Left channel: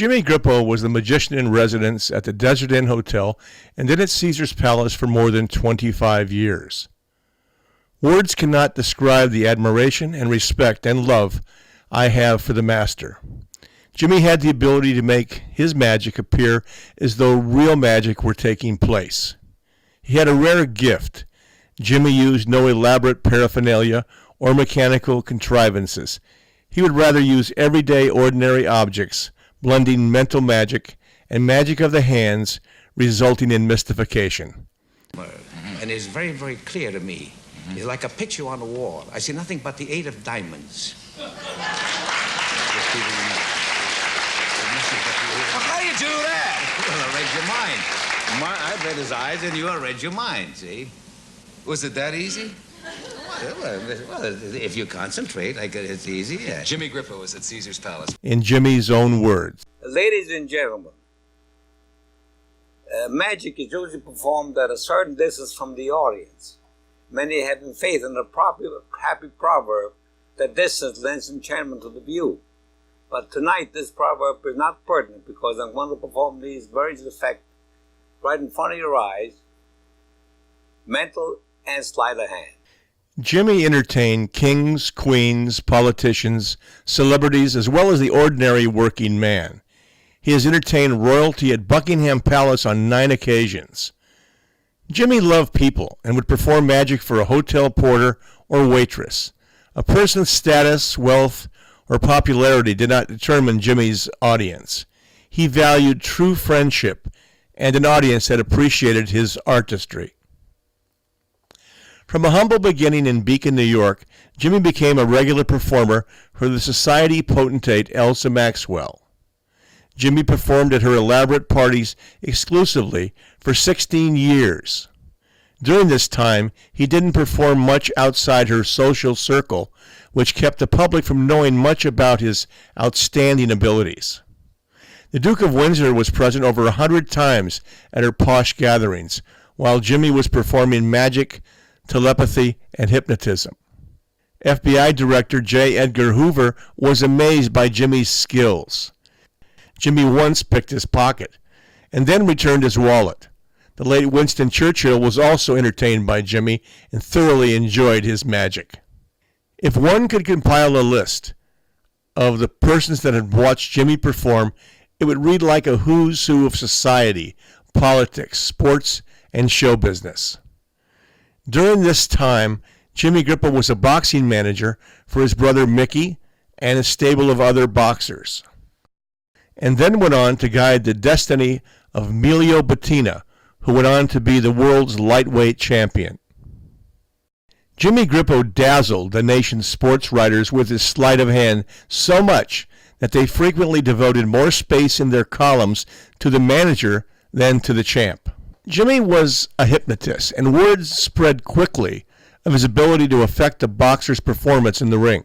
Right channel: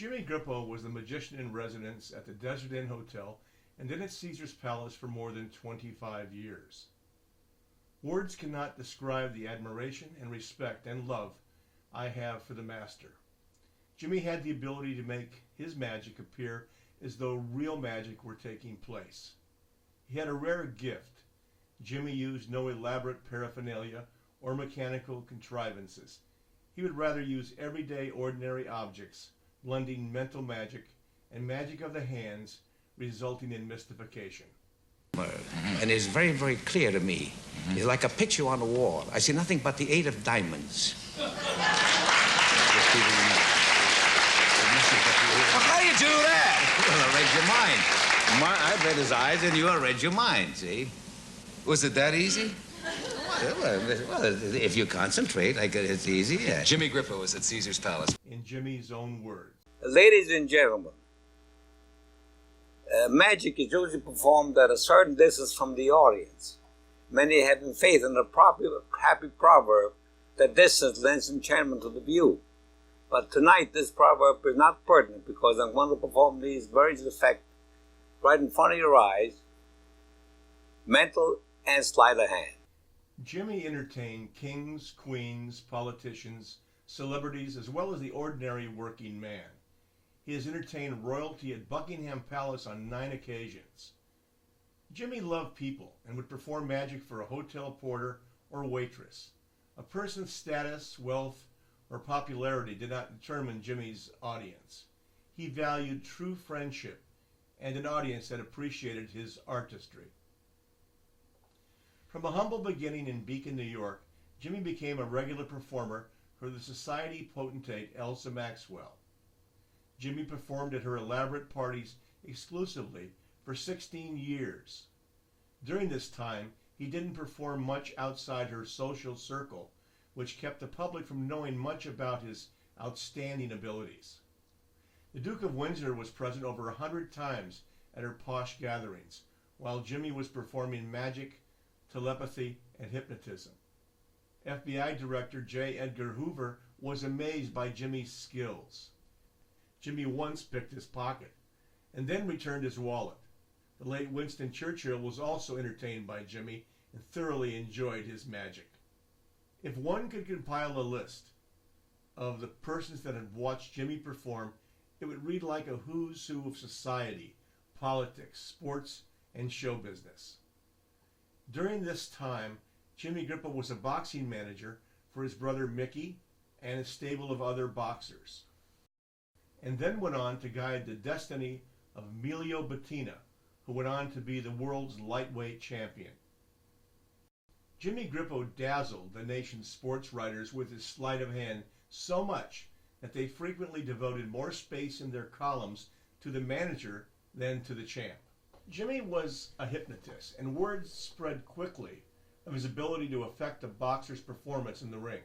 Jimmy Grippo was the magician in residence at the Desert Inn Hotel and then at Caesar's Palace for more than 25 years. Words cannot describe the admiration and respect and love I have for the master. Jimmy had the ability to make his magic appear as though real magic were taking place. He had a rare gift. Jimmy used no elaborate paraphernalia or mechanical contrivances. He would rather use everyday, ordinary objects, blending mental magic and magic of the hands, resulting in mystification. And it's very, very clear to me. It's like a picture on the wall. I see nothing but the 8 of diamonds. Well, how do you do that? Well, I read your mind. I read his eyes, and you read your mind, see? Was it that easy? Well, if you concentrate, it's easy, yeah. Jimmy Grippo was at Caesar's Palace. In Jimmy's own words. Ladies and gentlemen, magic is usually performed at a certain distance from the audience. Many have faith in the popular happy proverb that distance lends enchantment to the view. But tonight, this proverb is not pertinent because I'm going to perform these various effects right in front of your eyes, mental and sleight of hand. Jimmy entertained kings, queens, politicians, celebrities, as well as the ordinary working man. He has entertained royalty at Buckingham Palace on 9 occasions. Jimmy loved people and would perform magic for a hotel porter or waitress. A person's status, wealth, or popularity did not determine Jimmy's audience. He valued true friendship and an audience that appreciated his artistry. From a humble beginning in Beacon, New York, Jimmy became a regular performer for the society potentate Elsa Maxwell. Jimmy performed at her elaborate parties exclusively for 16 years. During this time, he didn't perform much outside her social circle, which kept the public from knowing much about his outstanding abilities. The Duke of Windsor was present over 100 times at her posh gatherings, while Jimmy was performing magic, telepathy, and hypnotism. FBI Director J. Edgar Hoover was amazed by Jimmy's skills. Jimmy once picked his pocket and then returned his wallet. The late Winston Churchill was also entertained by Jimmy and thoroughly enjoyed his magic. If one could compile a list of the persons that had watched Jimmy perform, it would read like a who's who of society, politics, sports, and show business. During this time, Jimmy Grippo was a boxing manager for his brother Mickey and a stable of other boxers, and then went on to guide the destiny of Emilio Bettina, who went on to be the world's lightweight champion. Jimmy Grippo dazzled the nation's sports writers with his sleight of hand so much that they frequently devoted more space in their columns to the manager than to the champ. Jimmy was a hypnotist, and word spread quickly of his ability to affect a boxer's performance in the ring.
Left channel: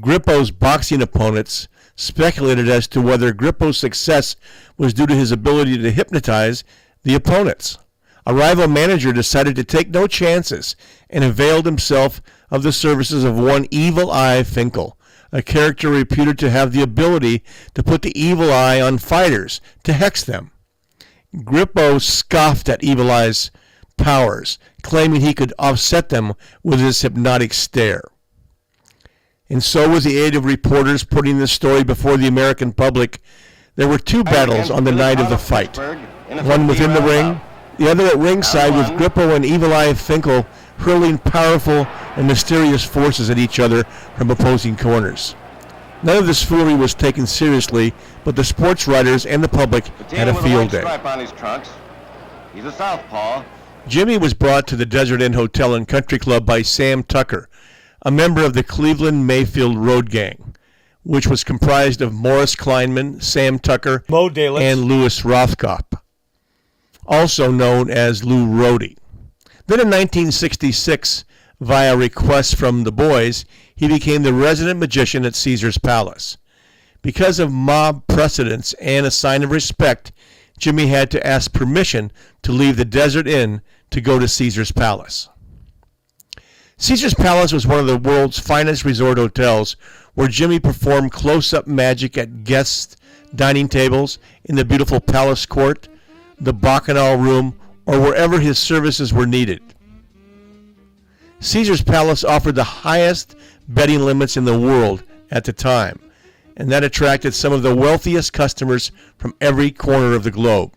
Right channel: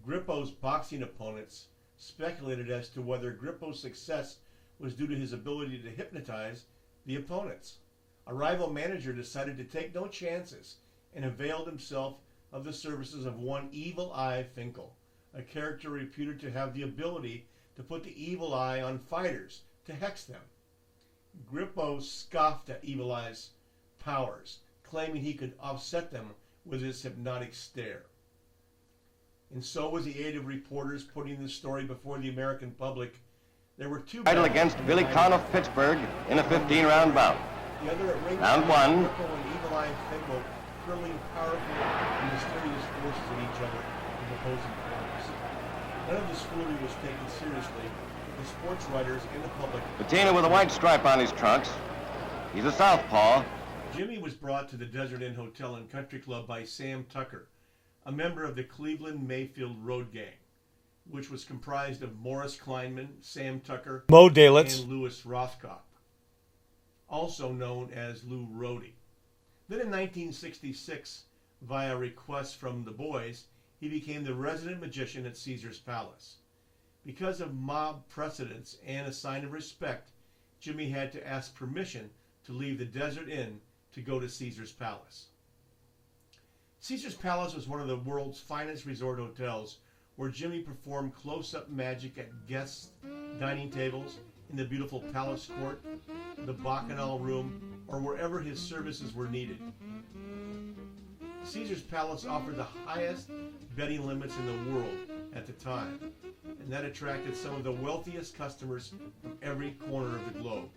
Grippo's boxing opponents speculated as to whether Grippo's success was due to his ability to hypnotize the opponents. A rival manager decided to take no chances and availed himself of the services of one Evil Eye Finkel, a character reputed to have the ability to put the evil eye on fighters, to hex them. Grippo scoffed at Evil Eye's powers, claiming he could offset them with his hypnotic stare. And so, with the aid of reporters putting the story before the American public, there were 2 battles on the night of the fight. One within the ring, the other at ringside, with Grippo and Evil Eye Finkel hurling powerful and mysterious forces at each other from opposing corners. None of this foolery was taken seriously, but the sports writers and the public had a with a white field day. stripe on his trunks. He's a southpaw. Jimmy was brought to the Desert Inn Hotel and Country Club by Sam Tucker, a member of the Cleveland Mayfield Road Gang, which was comprised of Morris Kleinman, Sam Tucker, Moe Dalitz, and Louis Rothkopf, also known as Lou Rohde. Then in 1966, via request from the boys, he became the resident magician at Caesar's Palace. Because of mob precedents and a sign of respect, Jimmy had to ask permission to leave the Desert Inn to go to Caesar's Palace. Caesar's Palace was one of the world's finest resort hotels where Jimmy performed close-up magic at guests' dining tables, in the beautiful palace court, the bacchanal room, or wherever his services were needed. Caesar's Palace offered the highest betting limits in the world at the time, and that attracted some of the wealthiest customers from every corner of the globe.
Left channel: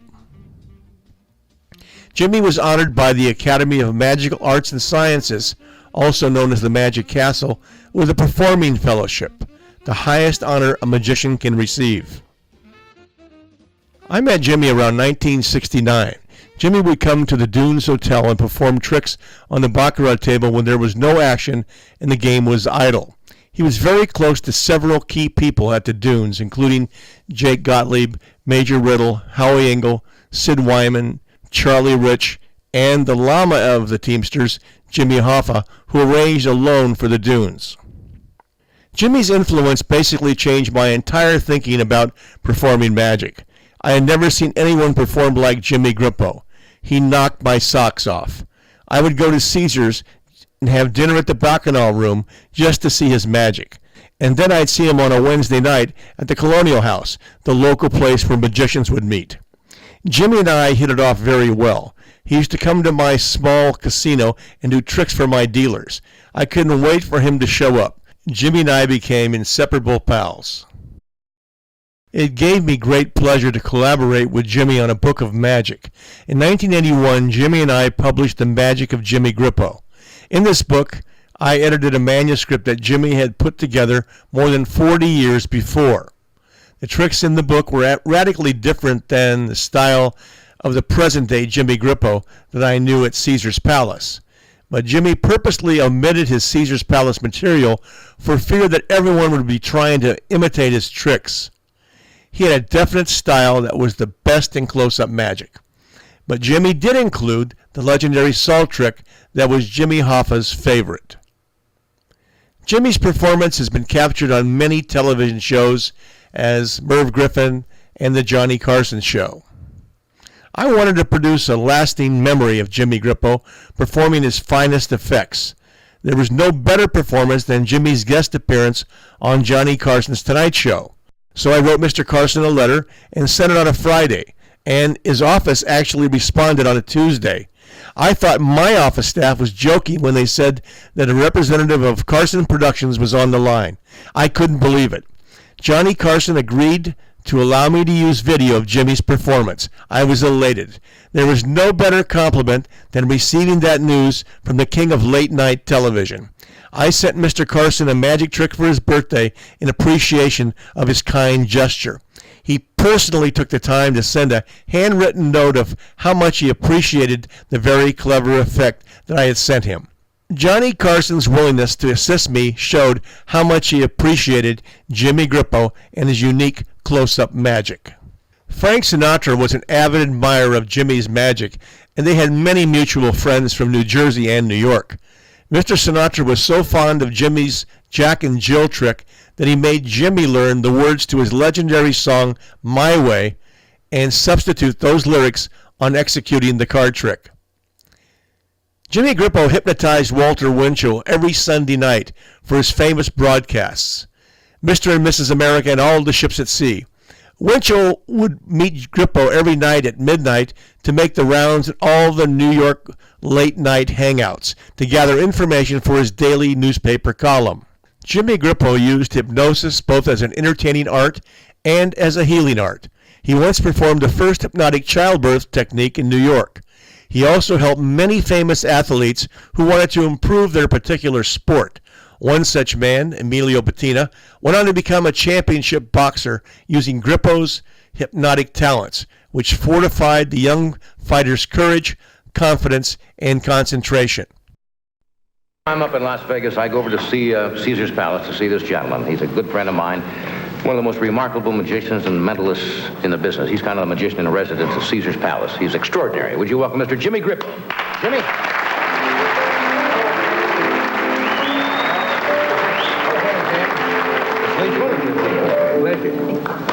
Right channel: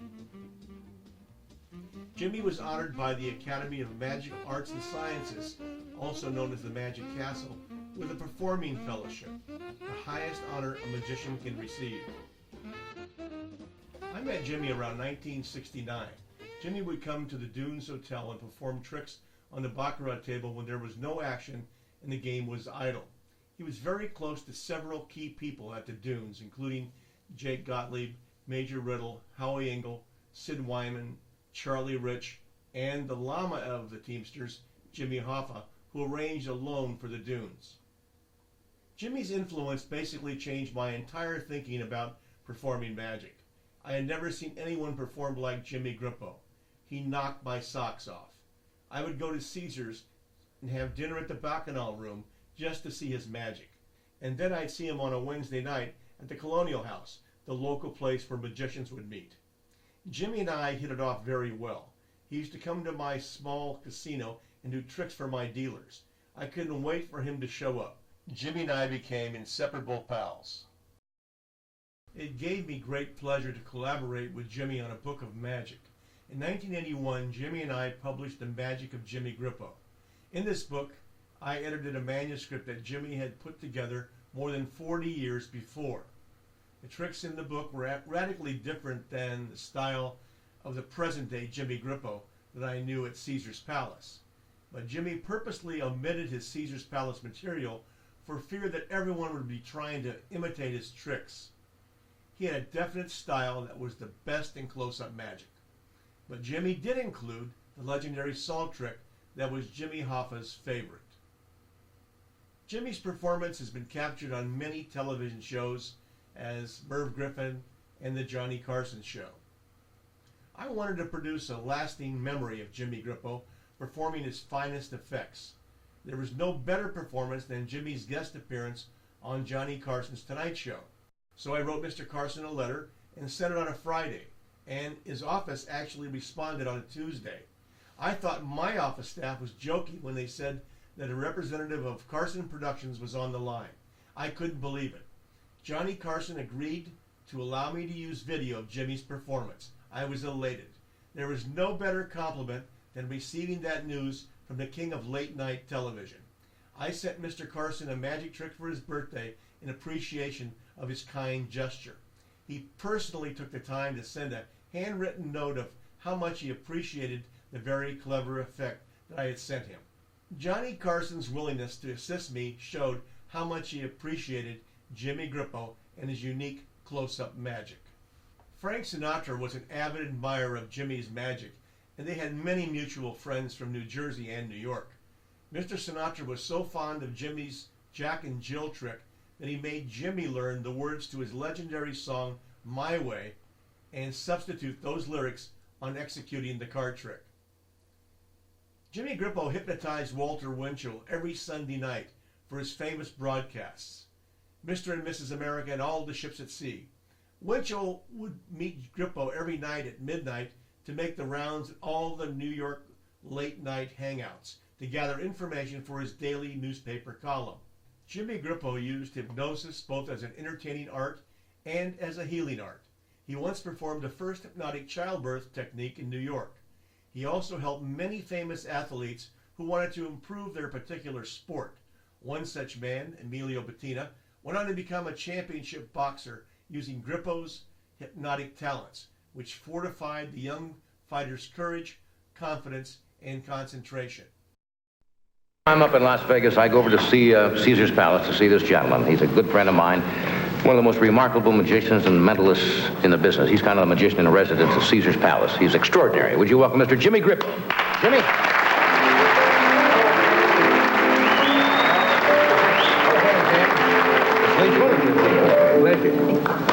Jimmy was honored by the Academy of Magical Arts and Sciences, also known as the Magic Castle, with a Performing Fellowship, the highest honor a magician can receive. I met Jimmy around 1969. Jimmy would come to the Dunes Hotel and perform tricks on the baccarat table when there was no action and the game was idle. He was very close to several key people at the Dunes, including Jake Gottlieb, Major Riddle, Howie Engel, Sid Wyman, Charlie Rich, and the llama of the Teamsters, Jimmy Hoffa, who arranged a loan for the Dunes. Jimmy's influence basically changed my entire thinking about performing magic. I had never seen anyone perform like Jimmy Grippo. He knocked my socks off. I would go to Caesar's and have dinner at the Bacchanal Room just to see his magic. And then I'd see him on a Wednesday night at the Colonial House, the local place where magicians would meet. Jimmy and I hit it off very well. He used to come to my small casino and do tricks for my dealers. I couldn't wait for him to show up. Jimmy and I became inseparable pals. It gave me great pleasure to collaborate with Jimmy on a book of magic. In 1981, Jimmy and I published The Magic of Jimmy Grippo. In this book, I edited a manuscript that Jimmy had put together more than 40 years before. The tricks in the book were radically different than the style of the present-day Jimmy Grippo that I knew at Caesar's Palace. But Jimmy purposely omitted his Caesar's Palace material for fear that everyone would be trying to imitate his tricks. He had a definite style that was the best in close-up magic. But Jimmy did include the legendary salt trick that was Jimmy Hoffa's favorite. Jimmy's performance has been captured on many television shows as Merv Griffin and The Johnny Carson Show. I wanted to produce a lasting memory of Jimmy Grippo performing his finest effects. There was no better performance than Jimmy's guest appearance on Johnny Carson's Tonight Show. So I wrote Mr. Carson a letter and sent it on a Friday, and his office actually responded on a Tuesday. I thought my office staff was joking when they said that a representative of Carson Productions was on the line. I couldn't believe it. Johnny Carson agreed to allow me to use video of Jimmy's performance. I was elated. There was no better compliment than receiving that news from the king of late-night television. I sent Mr. Carson a magic trick for his birthday in appreciation of his kind gesture. He personally took the time to send a handwritten note of how much he appreciated the very clever effect that I had sent him. Johnny Carson's willingness to assist me showed how much he appreciated Jimmy Grippo and his unique close-up magic. Frank Sinatra was an avid admirer of Jimmy's magic, and they had many mutual friends from New Jersey and New York. Mr. Sinatra was so fond of Jimmy's Jack and Jill trick that he made Jimmy learn the words to his legendary song, My Way, and substitute those lyrics on executing the card trick. Jimmy Grippo hypnotized Walter Winchell every Sunday night for his famous broadcasts, Mr. and Mrs. America and All the Ships at Sea. Winchell would meet Grippo every night at midnight to make the rounds at all the New York late-night hangouts to gather information for his daily newspaper column. Jimmy Grippo used hypnosis both as an entertaining art and as a healing art. He once performed the first hypnotic childbirth technique in New York. He also helped many famous athletes who wanted to improve their particular sport. One such man, Emilio Bettina, went on to become a championship boxer using Grippo's hypnotic talents, which fortified the young fighter's courage, confidence, and concentration. I'm up in Las Vegas. I go over to see Caesar's Palace to see this gentleman. He's a good friend of mine, one of the most remarkable magicians and mentalists in the business. He's kind of the magician in residence at Caesar's Palace. He's extraordinary. Would you welcome Mr. Jimmy Grippo? Jimmy?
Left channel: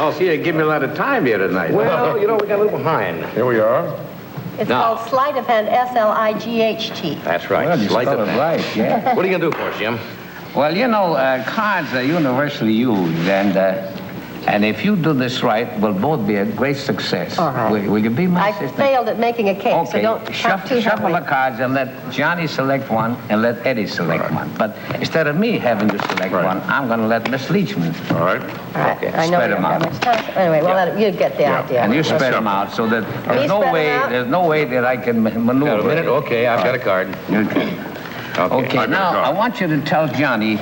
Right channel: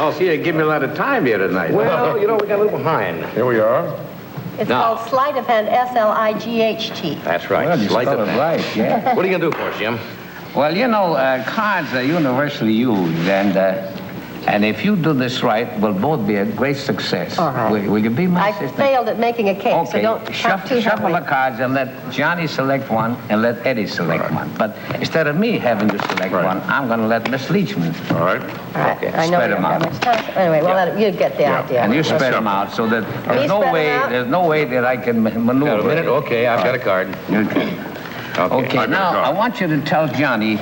Oh, see, you give me a lot of time here tonight. Well, you know, we got a little behind. Here we are. It's called sleight of hand, S-L-I-G-H-T. That's right. Well, you Sleight of spelled it hand. right, yeah. What are you going to do for us, Jim? Well, you know, cards are universally used, and And if you do this right, we'll both be a great success. All right. Will you be my I assistant? failed at making a cake, so Okay, don't count too shuffle the heavily. cards and let Johnny select one and let Eddie select one. But instead of me having to select one, I'm going to let Miss Leachman. All right. All right. Okay, I know spread we them don't have out. much time. Anyway, well, you get the idea. And you spread them out so that there's no way that I can maneuver. Got a minute? Okay, I've got a card. Okay, now I want you to tell Johnny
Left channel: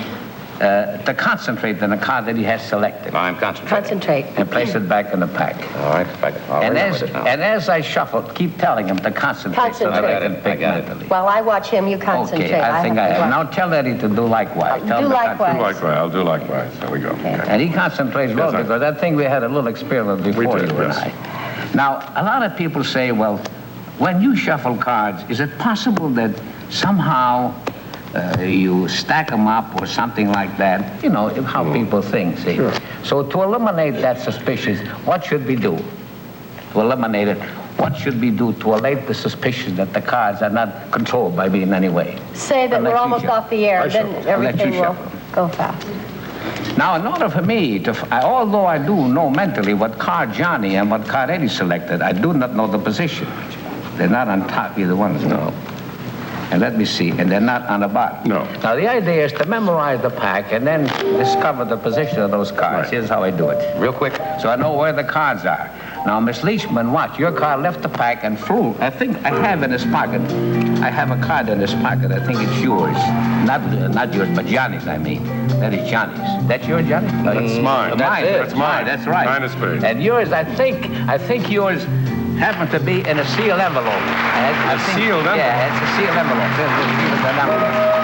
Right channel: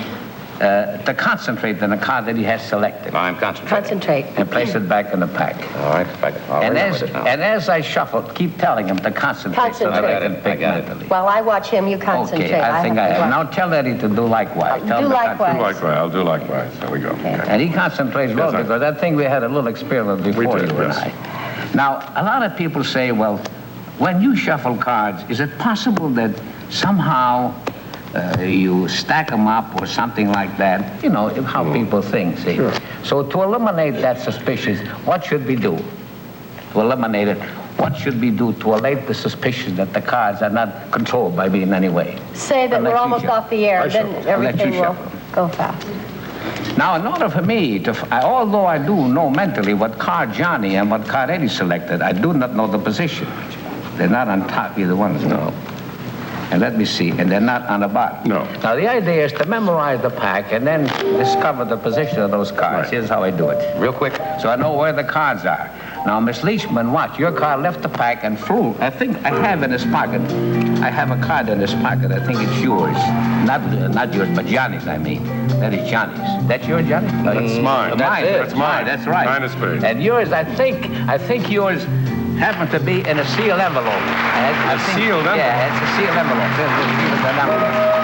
to concentrate on the card that he has selected. I'm concentrating. Concentrate. And place it back in the pack. All right, I'll remember it now. And as I shuffle, keep telling him to concentrate so that I can pick mentally. While I watch him, you concentrate. Okay, I think I have. to Now tell Eddie to do likewise. Tell do him to likewise. Do likewise. I'll do likewise. There we go. Okay. And he concentrates well Yes, because I think we had a little experiment before did, you and yes. I. Now, a lot of people say, well, when you shuffle cards, is it possible that somehow you stack them up or something like that? You know, how people think, see. Sure. So to eliminate that suspicion, what should we do? To eliminate it, what should we do to allay the suspicion that the cards are not controlled by me in any way? Say that I'll let we're you almost shuffle. off the air, then I'll let everything you will shuffle. go fast. Now, in order for me to, although I do know mentally what card Johnny and what card Eddie selected, I do not know the position. They're not on top, either one of them. No. And let me see, and they're not on the bottom. No. Now, the idea is to memorize the pack and then discover the position of those cards. Right. Here's how I do it. Real quick, so I know where the cards are. Now, Miss Leachman, watch. Your card left the pack and flew. I think I have in his pocket. I have a card in his pocket. I think it's yours. Not yours, but Johnny's, I mean. That is Johnny's. That's yours, Johnny? That's mine. Mine. That's mine. That's right. Nine of spades. And yours, I think yours happened to be in a sealed envelope. A sealed envelope? Yeah, it's a sealed envelope. There's a sealed envelope.